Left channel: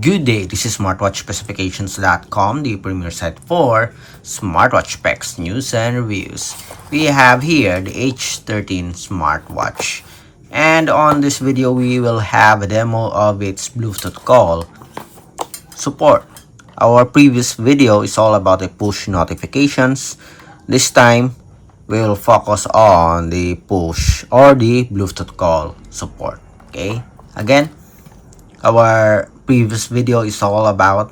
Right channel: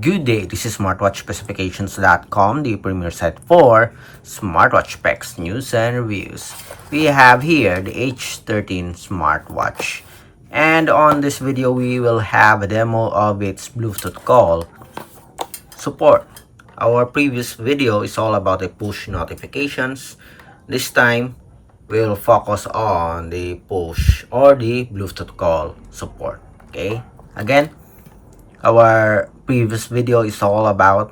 Good day, this is smartwatchspecifications.com, the premier site for smartwatch specs, news, and reviews. We have here the H13 Smartwatch. And on this video, we will have a demo of its Bluetooth call support. Our previous video is all about the push notifications. This time, we will focus on the push or the Bluetooth call support. Okay, again, our previous video is all about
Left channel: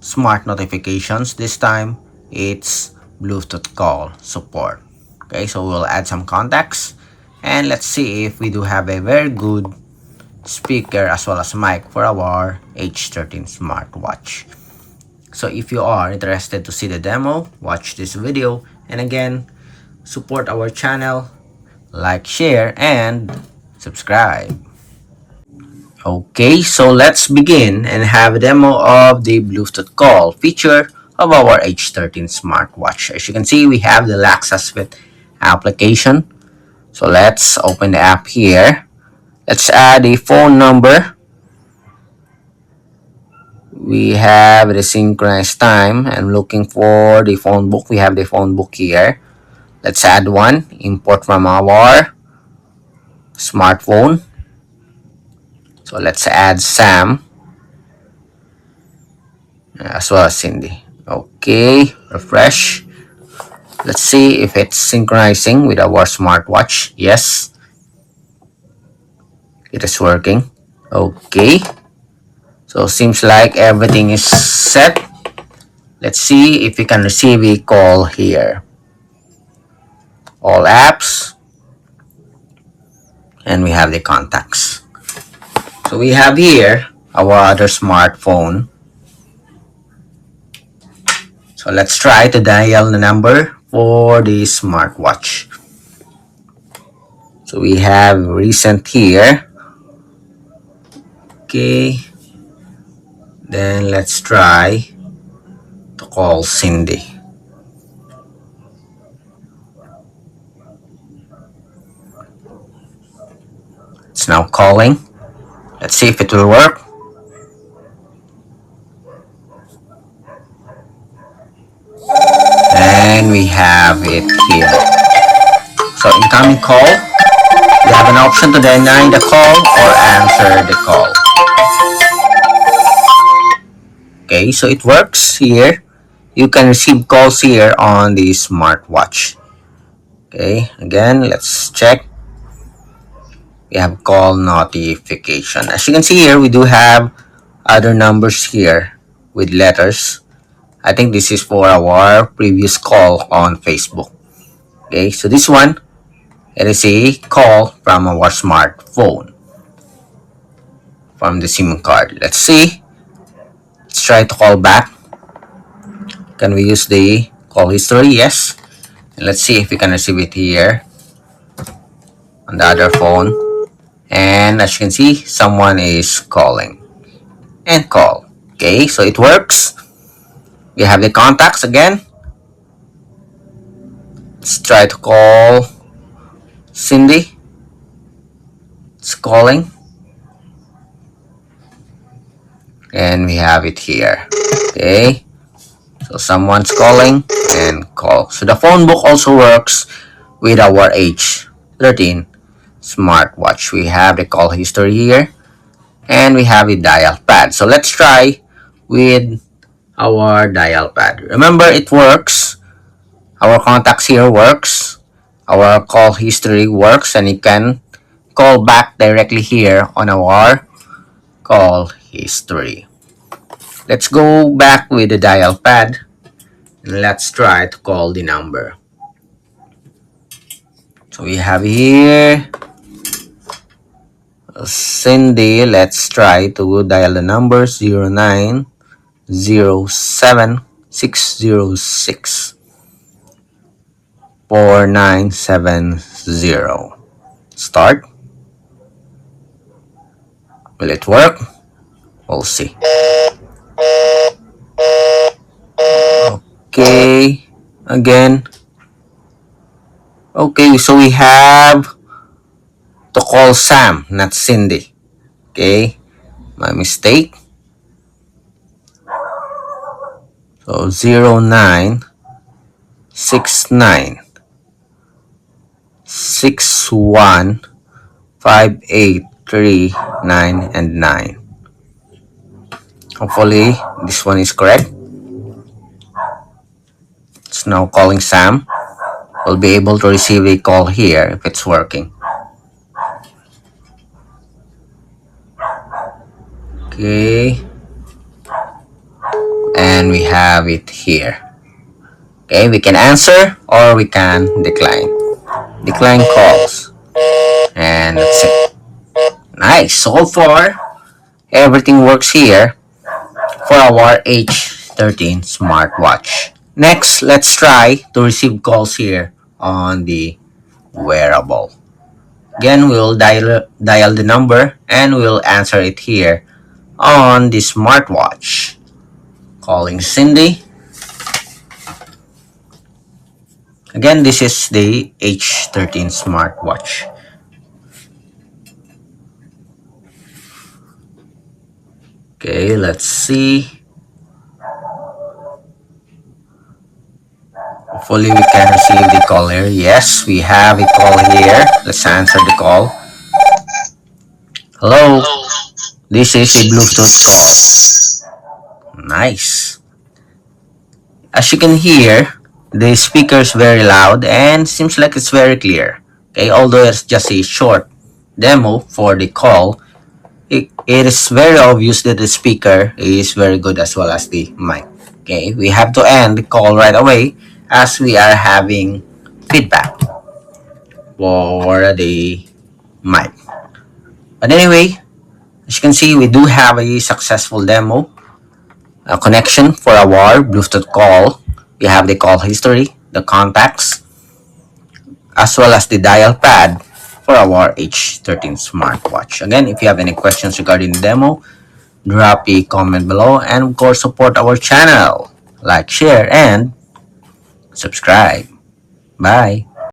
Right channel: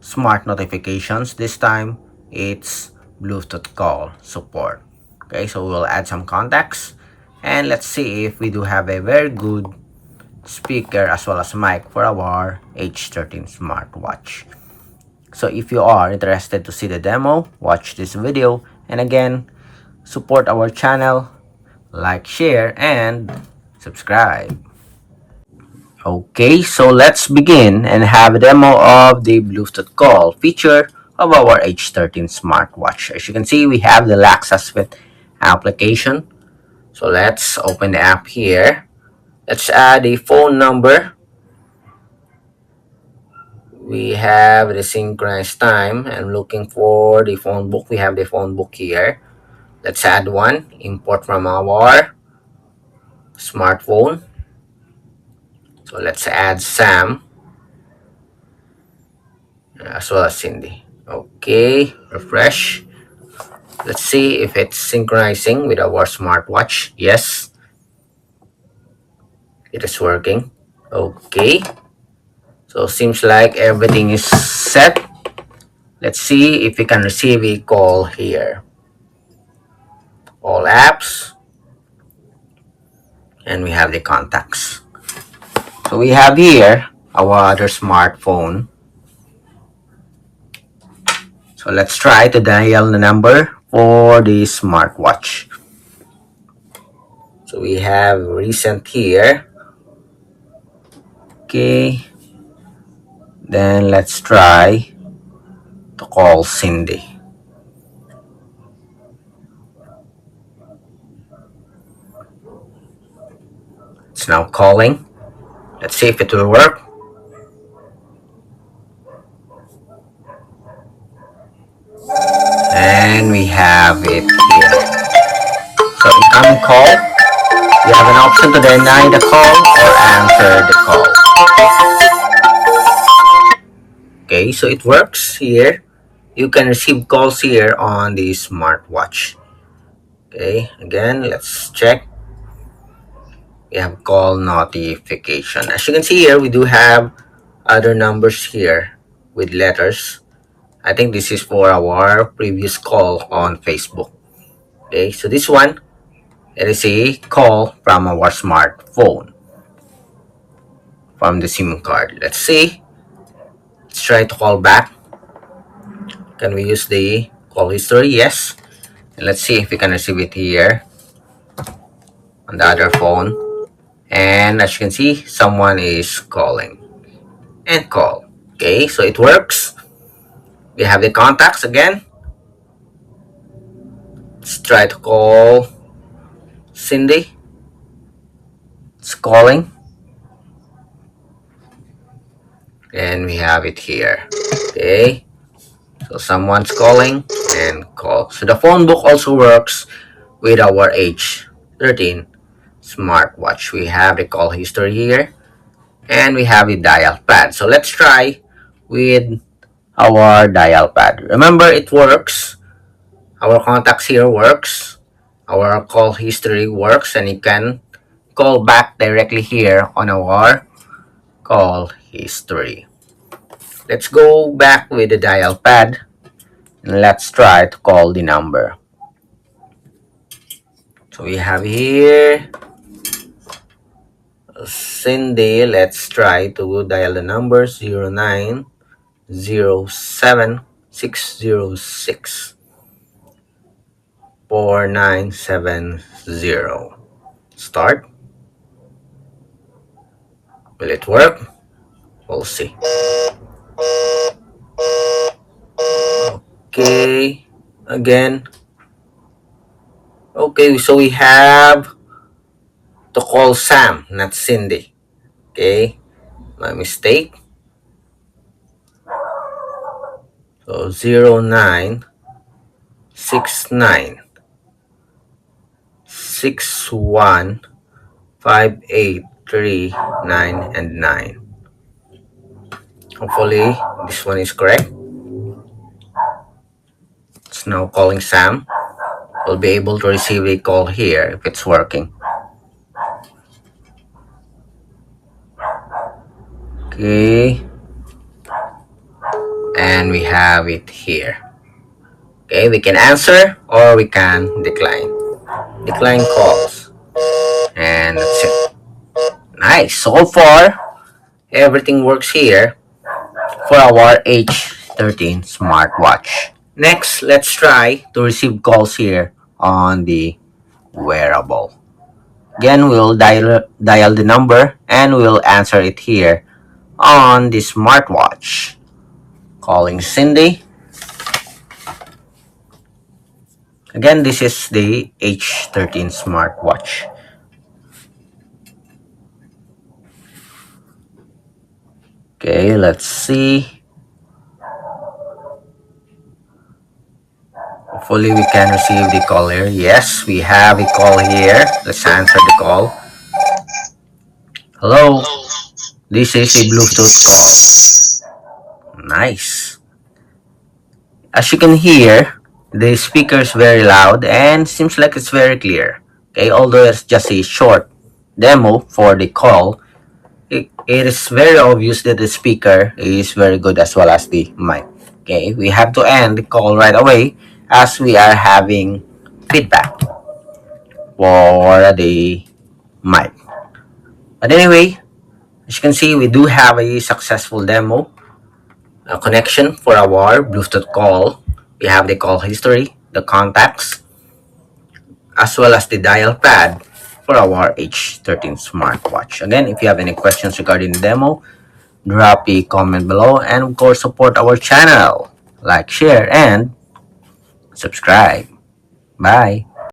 smart notifications. This time it's Bluetooth call support. Okay, so we'll add some contacts and let's see if we do have a very good speaker as well as mic for our H13 smartwatch. So if you are interested to see the demo, watch this video, and again, support our channel, like, share, and subscribe. Okay, so let's begin and have a demo of the Bluetooth call feature of our H13 smartwatch. As you can see, we have the Access Fit application. So let's open the app here. Let's add a phone number. We have the synchronized time. I'm looking for the phone book. We have the phone book here. Let's add one. Import from our smartphone. So let's add Sam as well as Cindy. Okay, refresh. Let's see if it's synchronizing with our smartwatch. Yes, it is working. Okay, so seems like everything is set. Let's see if we can receive a call here. All apps, and we have the contacts. So we have here our other smartphone. So let's try to dial the number for the smartwatch. So we have recent here. Okay. Then let's try to call Cindy. It's now calling. Let's see if it will work. And we have it here. So incoming call. You have an option to deny the call or answer the call. Okay, so it works here. You can receive calls here on the smartwatch. Okay, again, let's check. We have call notification. As you can see here, we do have other numbers here with letters. I think this is for our previous call on Facebook. Okay, so this one, it is a call from our smartphone from the SIM card. Let's see. Let's try to call back. Can we use the call history? Yes. And let's see if we can receive it here on the other phone. And as you can see, someone is calling and call. Okay, so it works. We have the contacts again. Let's try to call Cindy. It's calling. And we have it here. Okay, so someone's calling and call. So the phone book also works with our H13 smartwatch. We have the call history here and we have a dial pad. So let's try with our dial pad. Remember, it works. Our contacts here works. Our call history works, and you can call back directly here on our call history. Let's go back with the dial pad and let's try to call the number. So we have here Cindy. Let's try to dial the number 0907-606 4970. Start. Will it work? We'll see. Okay, again. Okay, so we have to call Sam, not Cindy. Okay, my mistake. So 0969615839 and 9. Hopefully this one is correct. It's now calling Sam. We'll be able to receive a call here if it's working. Okay. And we have it here. Okay, we can answer or we can decline. Decline calls. And that's it. Nice. So far, everything works here for our H13 smartwatch. Next, let's try to receive calls here on the wearable. Again, we'll dial the number and we'll answer it here on the smartwatch. Calling Cindy. Again, this is the H13 smartwatch. Okay, let's see. Hopefully we can receive the call here. Yes, we have a call here. Let's answer the call. Hello, this is a Bluetooth call. Nice. As you can hear, the speaker is very loud and seems like it's very clear. Okay, although it's just a short demo for the call, it is very obvious that the speaker is very good as well as the mic. Okay, we have to end the call right away as we are having feedback for the mic. But anyway, as you can see, we do have a successful demo connection for our Bluetooth call. We have the call history, the contacts, as well as the dial pad for our H13 smartwatch. Again, if you have any questions regarding the demo, drop a comment below and of course support our channel. Like, share, and subscribe. Bye.